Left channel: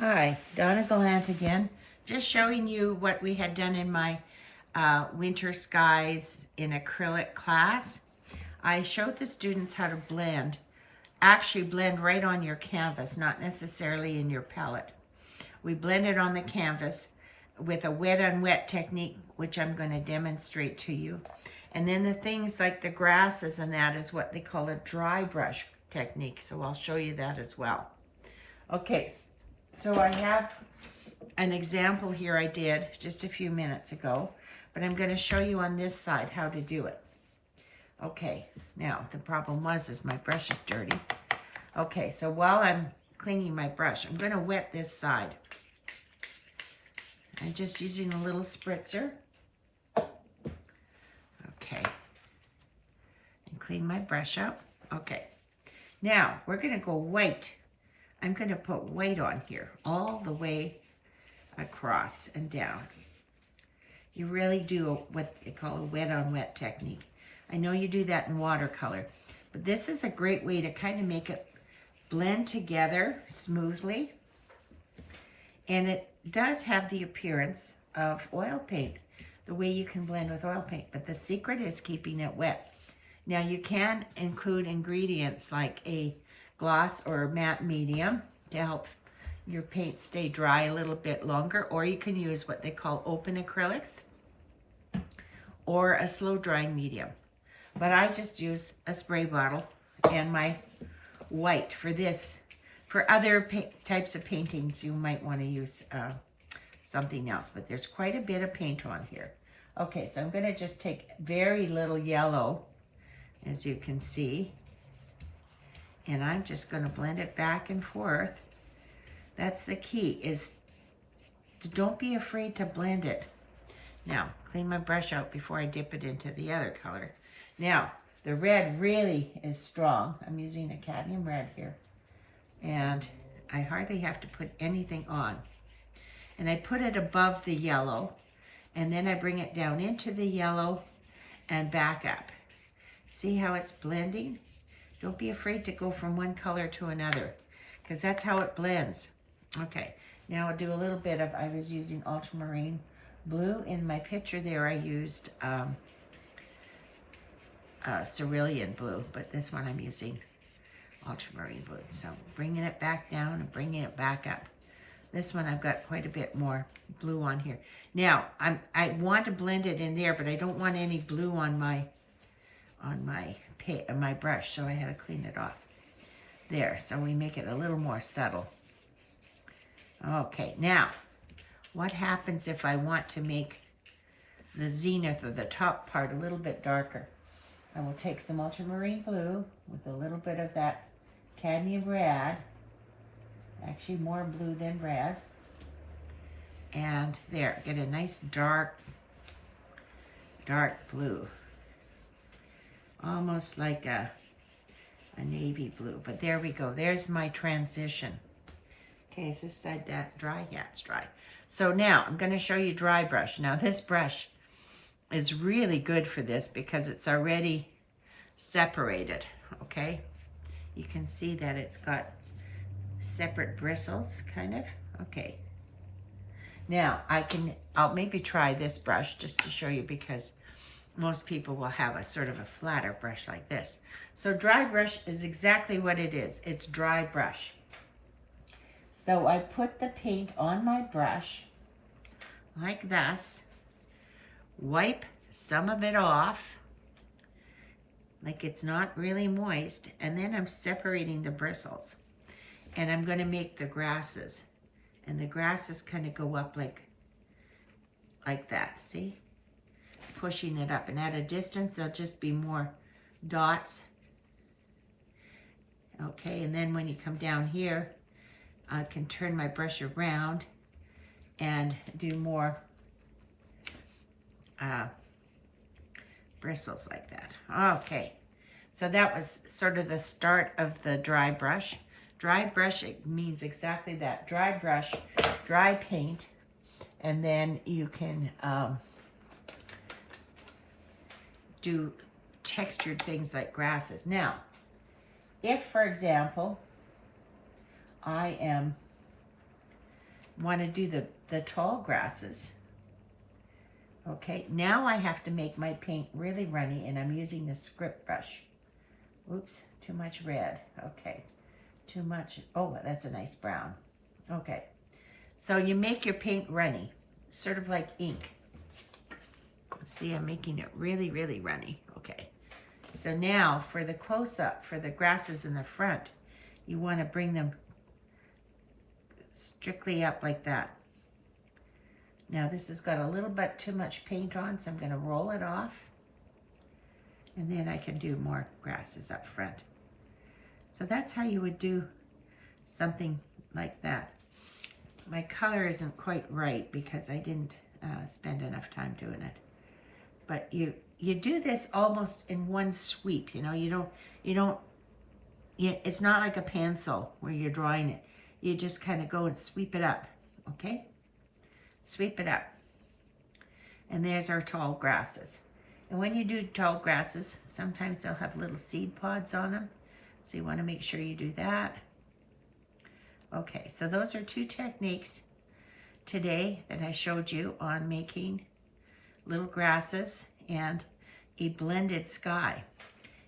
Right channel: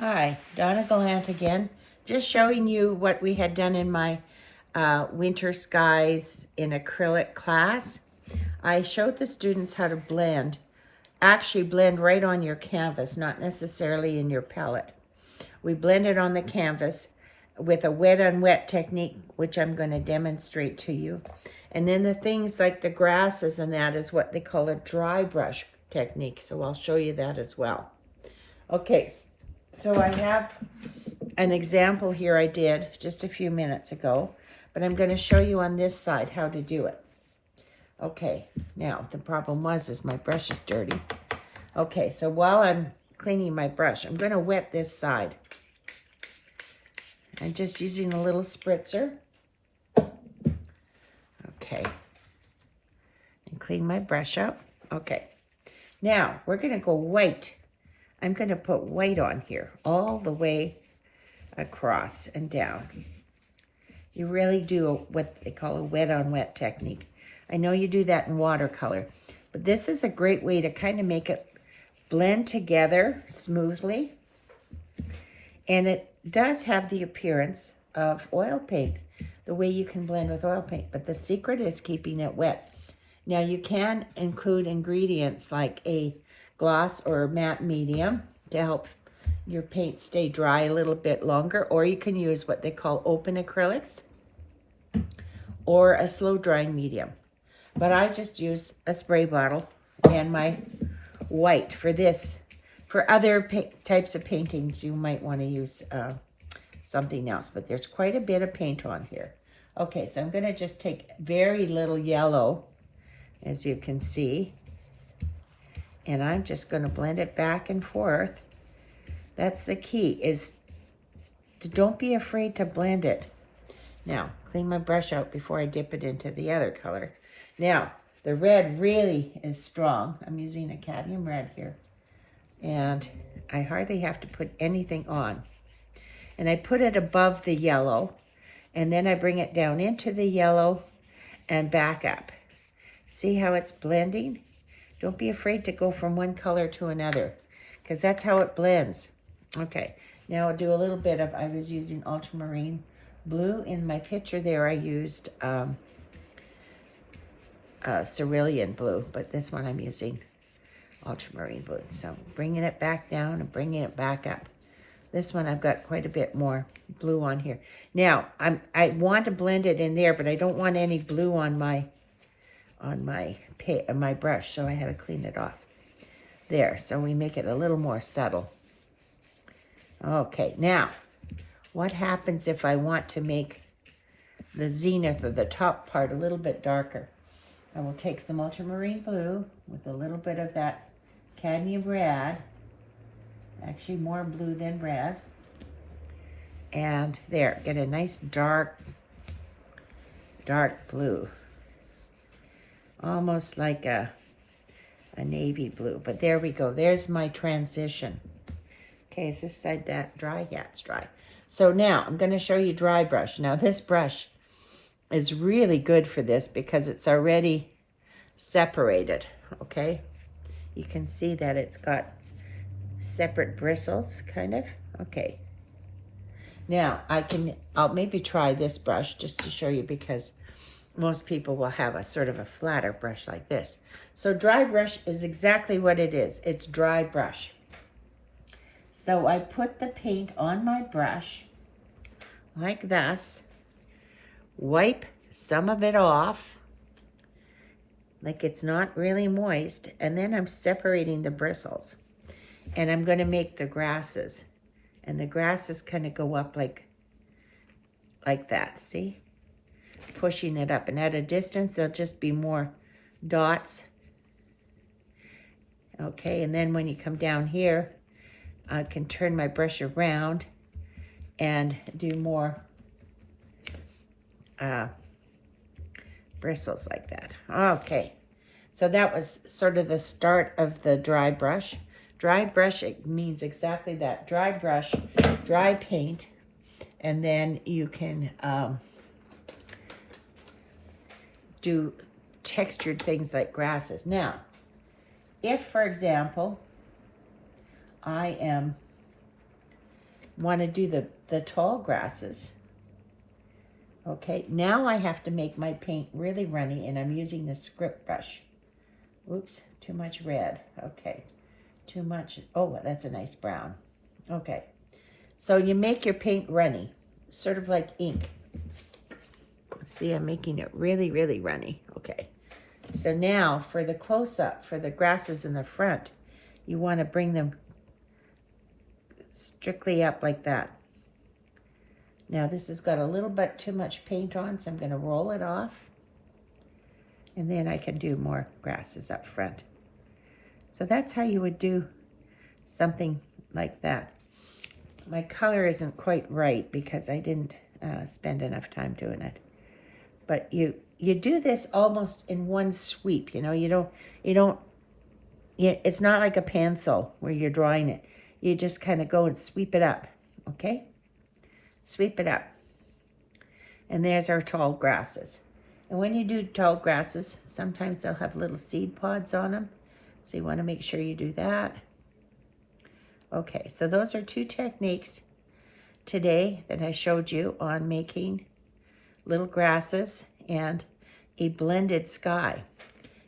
Hi, Donna Gallant again. Just showing you what we had done in my winter skies in acrylic class. I showed the students how to blend, actually blend right on your canvas, not necessarily in your palette. We blended on the canvas with a wet on wet technique, which I'm going to demonstrate to you. And then the things like the grasses and that is what they call a dry brush technique. So I'll show you that as well. Okay, so I have an example here I did just a few minutes ago, but I'm going to show you on this side how to do it. Okay, now the problem is my brush is dirty. Okay, so while I'm cleaning my brush, I'm going to wet this side. I'm just using a little spritzer. Okay, and clean my brush up. Okay, now we're going to go white. I'm going to put white on here all the way across and down. You really do what they call a wet on wet technique. I know you do that in watercolor, but this is a great way to kind of make it blend together smoothly. And it does have the appearance of oil paint, the way you can blend with oil paint, but the secret is keeping it wet. Now you can include ingredients like a gloss or matte medium to help your paint stay dry a little bit longer, or you can use what they call open acrylics or a slow drying medium. But I just use a spray bottle and my white for this. For other types of paintings, you might want to use something else, but there's quite a bit of paint on here. Okay, so I'm going to just take very little yellow, as you can see, and I'm just going to blend it back and forth. That's the key, is to don't be afraid to blend it. Now, clean my brush out before I dip it into the other color. Now, the red really is strong. I'm using a cadmium red here. And I hardly have to put anything on. And I put it above the yellow, and then I bring it down into the yellow and back up. See how it's blending? Don't be afraid to go from one color to another, because that's how it blends. Okay, now I'll do a little bit of, I was using ultramarine blue. In my picture there I used cerulean blue, but this one I'm using ultramarine blue. So bringing it back down and bringing it back up. This one I've got quite a bit more blue on here. Now I want to blend it in there, but I don't want any blue on my brush, so I had to clean it off. There, so we make it a little more subtle. Okay, now what happens if I want to make the zenith of the top part a little bit darker? I will take some ultramarine blue with a little bit of that cadmium red, actually more blue than red, and there, get a nice dark blue, almost like a navy blue, but there we go. There's my transition. Okay, is this side that dry? Yeah, it's dry. So now I'm going to show you dry brush. Now this brush is really good for this because it's already separated, okay? You can see that it's got separate bristles, kind of. Okay. Now I'll maybe try this brush just to show you, because most people will have a sort of a flatter brush like this. So dry brush is exactly what it is. It's dry brush. So I put the paint on my brush like this, wipe some of it off, like it's not really moist, and then I'm separating the bristles. And I'm going to make the grasses. And the grasses kind of go up like that, see? Pushing it up. And at a distance, there'll just be more dots. Okay, and then when you come down here, I can turn my brush around and do more bristles like that. Okay, so that was sort of the start of the dry brush. Dry brush, it means exactly that. Dry brush, dry paint, and then you can do textured things like grasses. Now, if, for example, I am want to do the tall grasses. Okay, now I have to make my paint really runny, and I'm using the script brush. Whoops, too much red. Okay, too much. Oh, that's a nice brown. Okay, so you make your paint runny, sort of like ink. See, I'm making it really, really runny. Okay, so now for the close-up, for the grasses in the front, you want to bring them strictly up like that. Now this has got a little bit too much paint on, so I'm going to roll it off. And then I can do more grasses up front. So that's how you would do something like that. My color isn't quite right because I didn't spend enough time doing it. But you do this almost in one sweep, you know. It's not like a pencil where you're drawing it. You just kind of go and sweep it up, okay? Sweep it up. And there's our tall grasses. And when you do tall grasses, sometimes they'll have little seed pods on them. So you want to make sure you do that. Okay, so those are two techniques today that I showed you on making little grasses and a blended sky.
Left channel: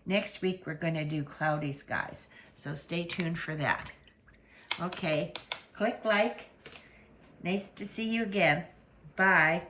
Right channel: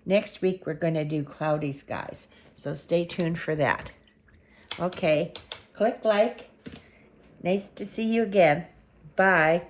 Next week, we're going to do cloudy skies. So stay tuned for that. Okay, click like. Nice to see you again. Bye.